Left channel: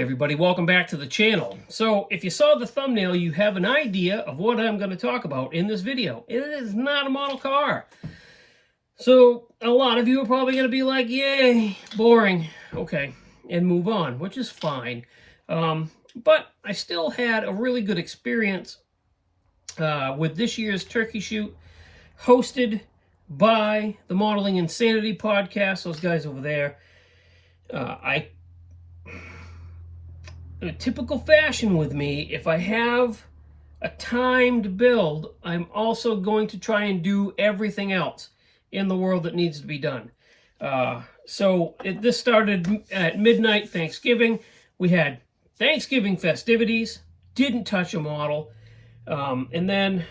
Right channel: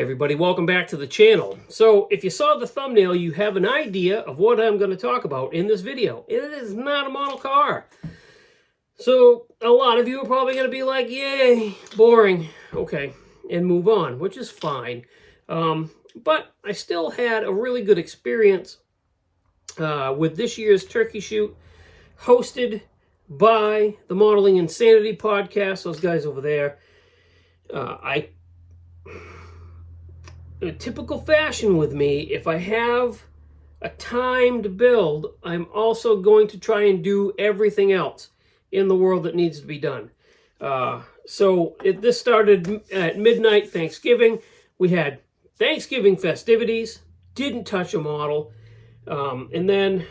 Hey everybody, welcome back to the channel. So if you saw the thumbnail, you have an idea of what I'm going to talk about in this video. It is not a model car. So a lot of you are probably going to be like, yay, boring. Okay, and move on, which is fine. But I still had a really good experience with this year's turkey shoot, hosted by the Modeling Insanity podcast, those guys over there. In a typical fashion with me, if I have a timed build, I'm also going to try and do everything else in the world that needs to be done. This started at midnight Thanksgiving. We had Thanksgiving festivities, didn't touch a model. And then,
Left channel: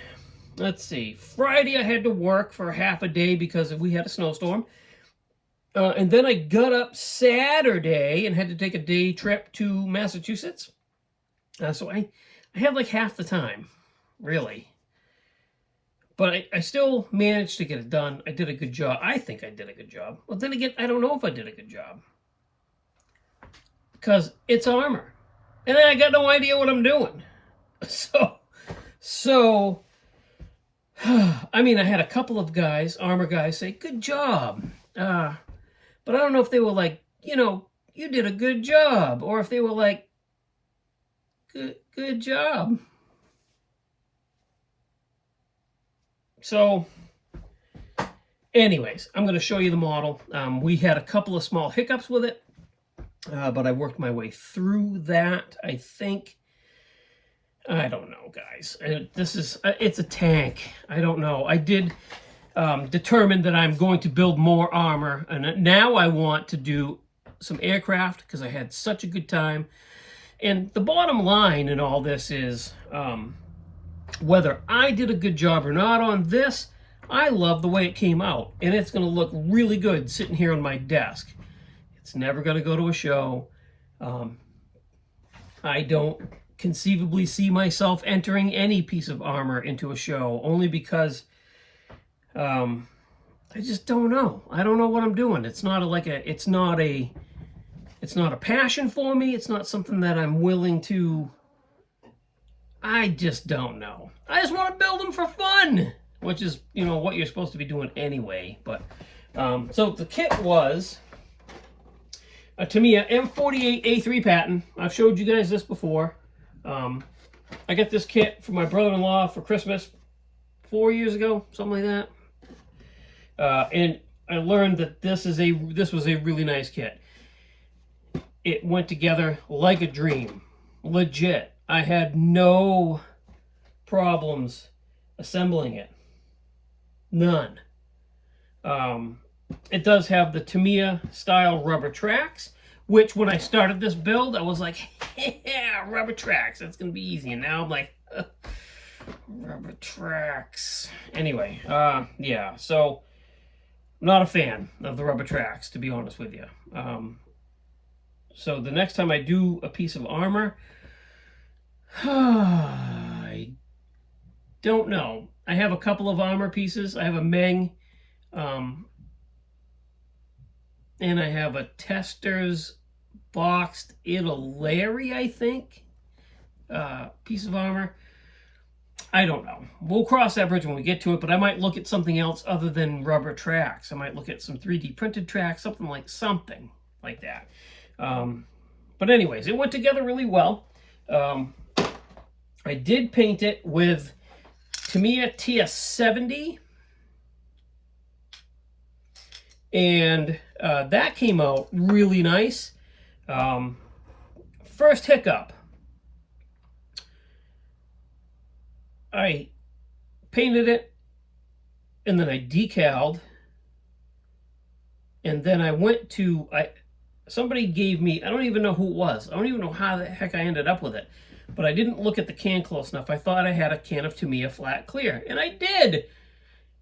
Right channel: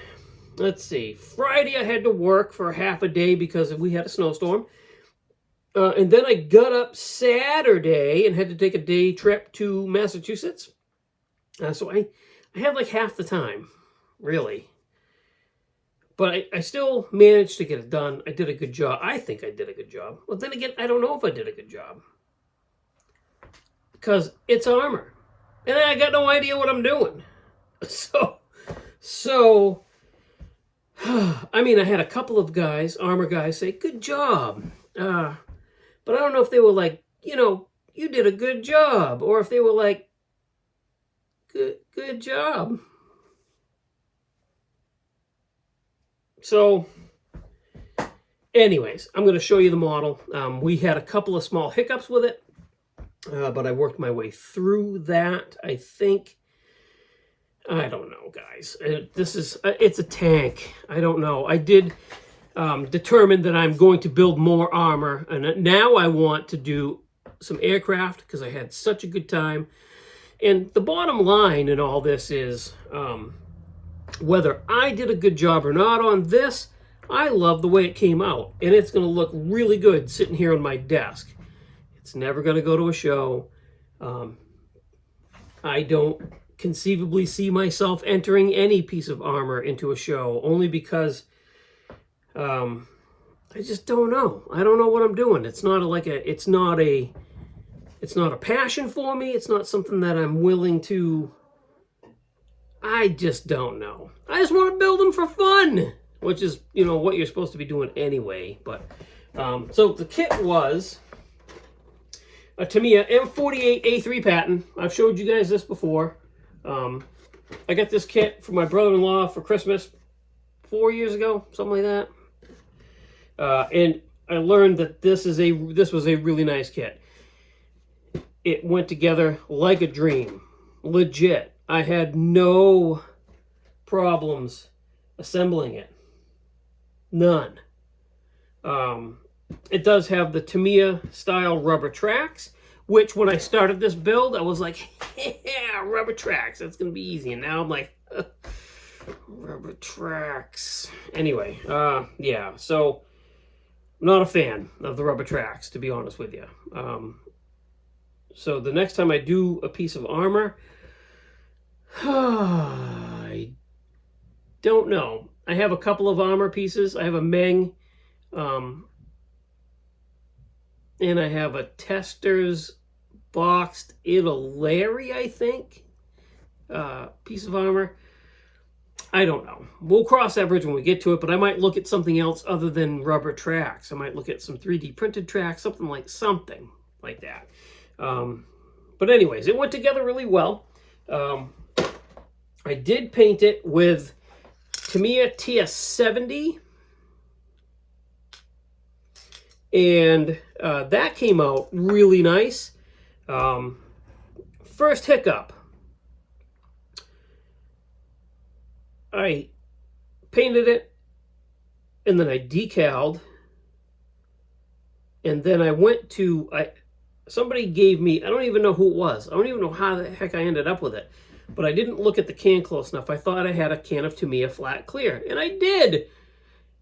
let's see, Friday I had to work for half a day because we had a snowstorm. And then I got up Saturday and had to take a day trip to Massachusetts. So I had like half the time, really. But I still managed to get it done. I did a good job. I think I did a good job. But then again, I don't know if I did a good job. Because it's armor. And I got no idea what I'm doing. So, I mean, I had a couple of guys, armor guys, say, good job. But I don't know if they were like, you did a good job. Or if they were like, good job. So, anyways, I'm going to show you the model. We had a couple of small hiccups with it. But I worked my way through that, I think. I don't know, guys. It's a tank. I don't know. I did determine that I'm going to build more armor, and now I want to do some aircraft because I had such a good time. And the bottom line in all this is whether I did a good job or not on this, I love the way it came out, and it's going to look really good sitting here on my desk. It's never going to go to a show. I don't conceivably see myself entering any piece of armor into a show, only because I just don't know. I don't know what I'm doing. It's not a passion for me. It's not something that I'm willing to. I just don't know. I just want to build them for fun, which is, what you're supposed to be doing anyway. But so the kit was a Tamiya M48A3 patent. I've showed you guys this before. I got this kit for my brother-in-law for Christmas 4 years ago, something like that. And I learned that this was a really nice kit. It went together like a dream, legit. I had no problems assembling it, none. It does have the Tamiya style rubber tracks, which when I started this build, I was like, yeah, rubber tracks, that's gonna be easy. And now I'm like, rubber tracks. Anyway, yeah, so I'm not a fan of the rubber tracks, to be honest with you. So the next time I do a piece of armor, I don't know. I have a couple of armor pieces. I have a Meng, and I have a Tester's boxed Italeri, I think, piece of armor. I don't know. We'll cross that bridge when we get to it, but I might look at something else other than rubber tracks. I might look at some 3D printed tracks, something like that. But anyways, it went together really well. I did paint it with Tamiya TS70, and that came out really nice. First hiccup. I painted it, and then I decaled, and then I went to, somebody gave me, I don't even know who it was. I don't even know how the heck I ended up with it, but I didn't look at the can close enough. I thought I had a can of Tamiya Flat Clear, and I did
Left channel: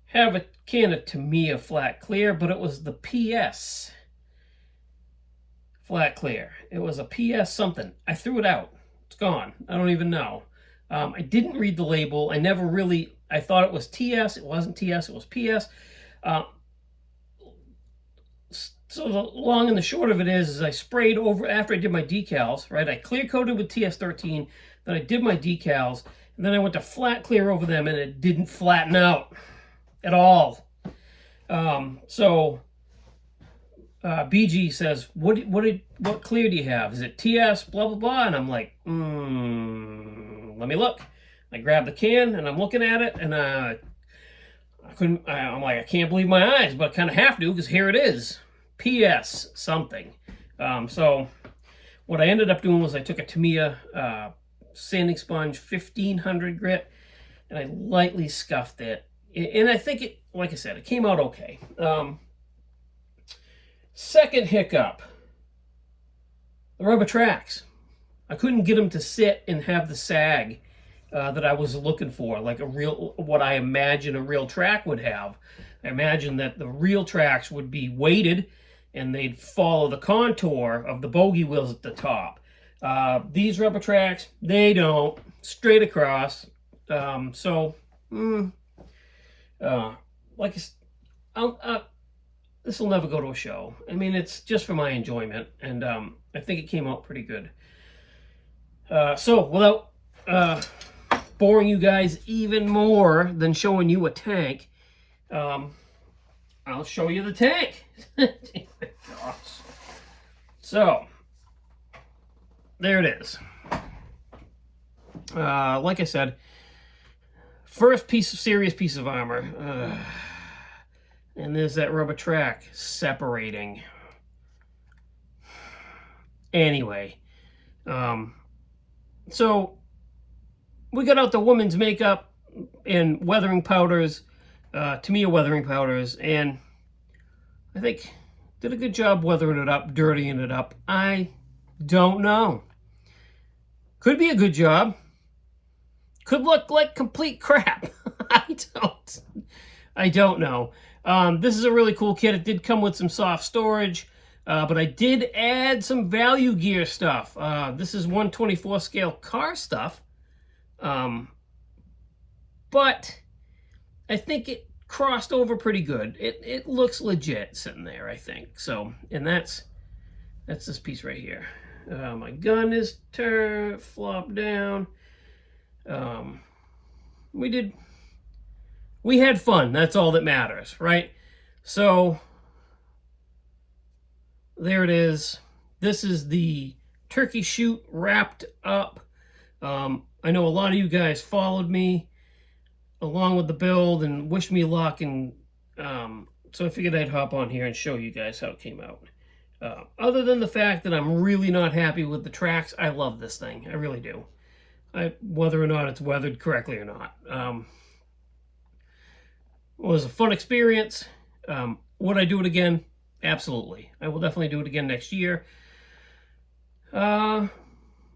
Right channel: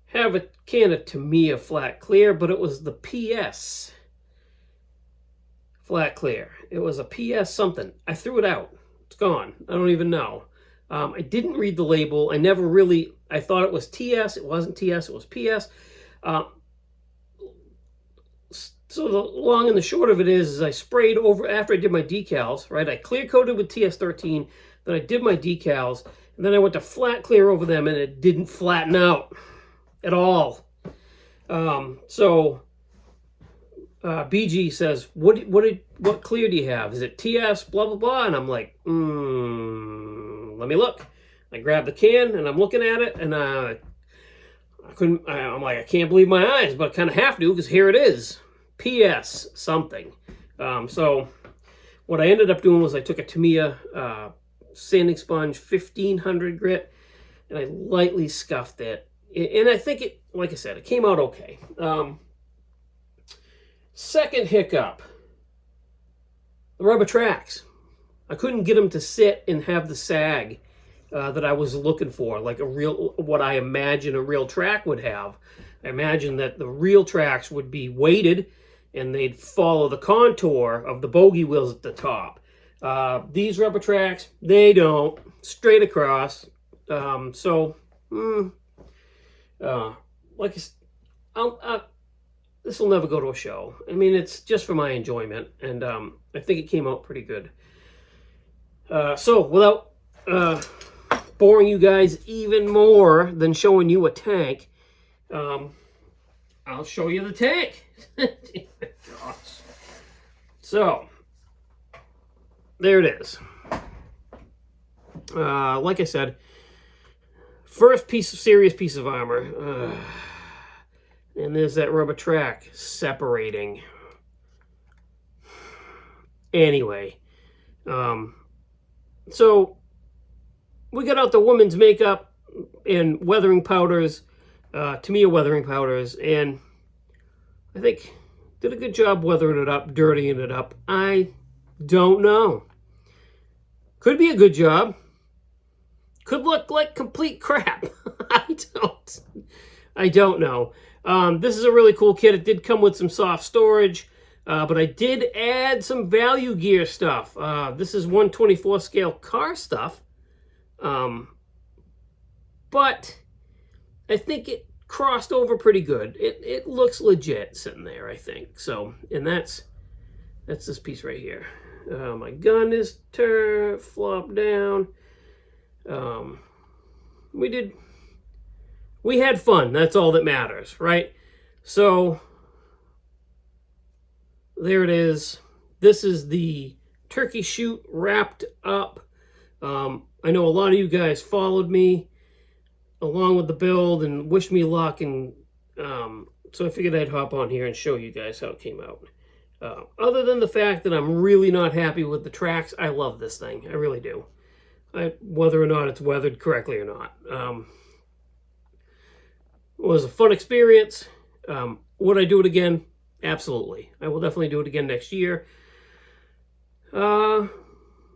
have a can of Tamiya Flat Clear, but it was the PS Flat Clear. It was a PS something. I threw it out. It's gone. I don't even know. I didn't read the label. I thought it was TS. It wasn't TS. It was PS. So the long and the short of it is I sprayed over after I did my decals, right? I clear coated with TS13, then I did my decals, and then I went to flat clear over them, and it didn't flatten out at all. BG says, what clear do you have? Is it TS, blah, blah, blah? And I'm like, let me look. I grabbed the can, and I'm looking at it, and I'm like, I can't believe my eyes, but I kind of have to, because here it is. PS something. So what I ended up doing was I took a Tamiya sanding sponge 1500 grit, and I lightly scuffed it. And I think it, like I said, it came out okay. Second hiccup, the rubber tracks. I couldn't get them to sit and have the sag that I was looking for, like what I imagine a real track would have. I imagine that the real tracks would be weighted and they'd follow the contour of the bogey wheels at the top. These rubber tracks, they don't, straight across. Like this will never go to a show. I mean, it's just for my enjoyment, and I think it came out pretty good. So without boring you guys even more than showing you a tank, I'll show you the tank. So there it is. Like I said, first serious piece of armor. And there's that rubber track separating. Anyway, so we got out the women's makeup and weathering powders, Tamiya weathering powders, and I think did a good job weathering it up, dirtying it up. I don't know. Could be a good job. Could look like complete crap. I don't know. This is a really cool kit. It did come with some soft storage, but I did add some value gear stuff. This is 1/24 scale car stuff, but I think it crossed over pretty good. It looks legit sitting there, I think. So, and that's this piece right here. My gun is flopped down. We had fun. That's all that matters, right? So there it is. This is the turkey shoot wrapped up. I know a lot of you guys followed me along with the build and wished me luck, and so I figured I'd hop on here and show you guys how it came out. Other than the fact that I'm really not happy with the tracks, I love this thing. I really do. Whether or not it's weathered correctly or not. It was a fun experience. Would I do it again? Absolutely. I will definitely do it again next year. And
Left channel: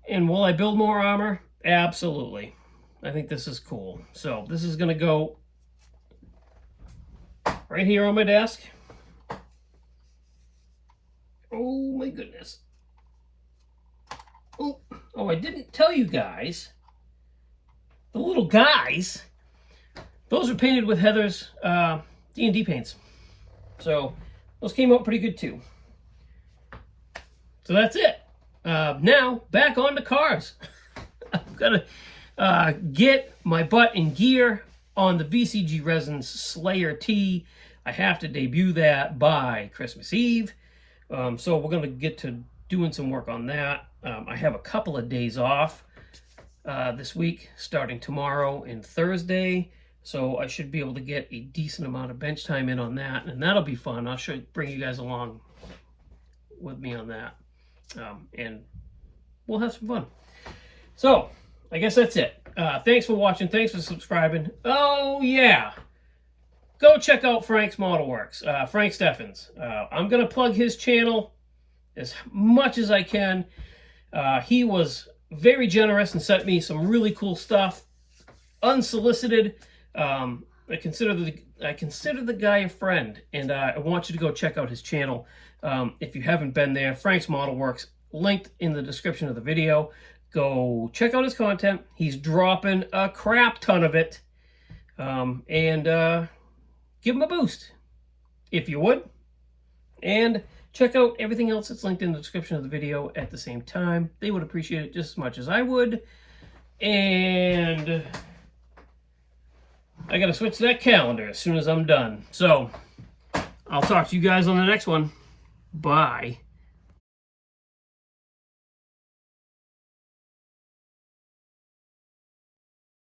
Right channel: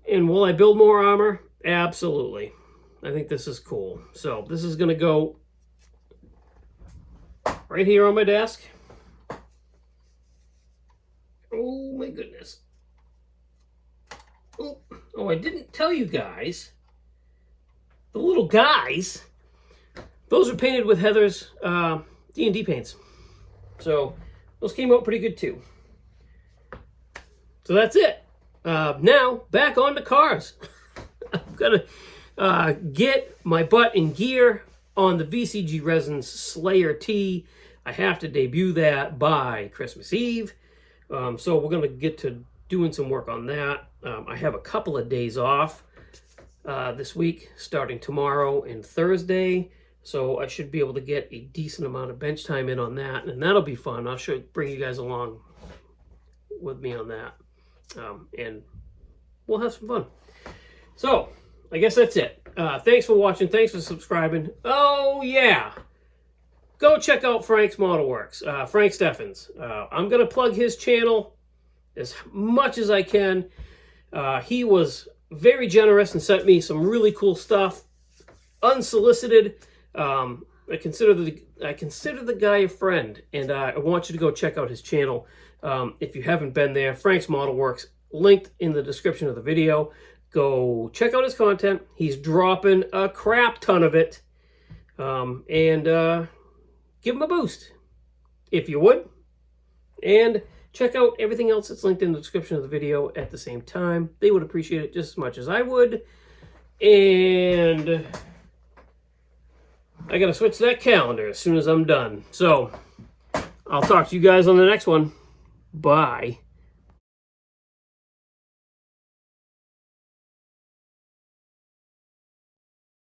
will I build more armor? Absolutely. I think this is cool. So this is going to go right here on my desk. Oh my goodness. Oh, I didn't tell you guys. The little guys, those are painted with Heather's D&D paints. So those came out pretty good too. So that's it. Now back on to cars. I'm gonna get my butt in gear on the VCG Resins Slayer T. I have to debut that by Christmas Eve. So we're gonna get to doing some work on that. I have a couple of days off this week, starting tomorrow and Thursday. So I should be able to get a decent amount of bench time in on that, and that'll be fun. I'll bring you guys along with me on that, and we'll have some fun. So I guess that's it. Thanks for watching. Thanks for subscribing. Oh yeah, go check out Frank's Model Works, Frank Steffens. I'm gonna plug his channel as much as I can. He was very generous and sent me some really cool stuff, unsolicited. I consider the guy a friend, and I want you to go check out his channel if you haven't been there. Frank's Model Works, linked in the description of the video. Go check out his content. He's dropping a crap ton of it, and give him a boost if you would. And check out everything else that's linked in the description of the video at the same time. They would appreciate it just as much as I would. And I gotta switch that calendar as soon as I'm done. So I'll talk to you guys on the next one. Bye.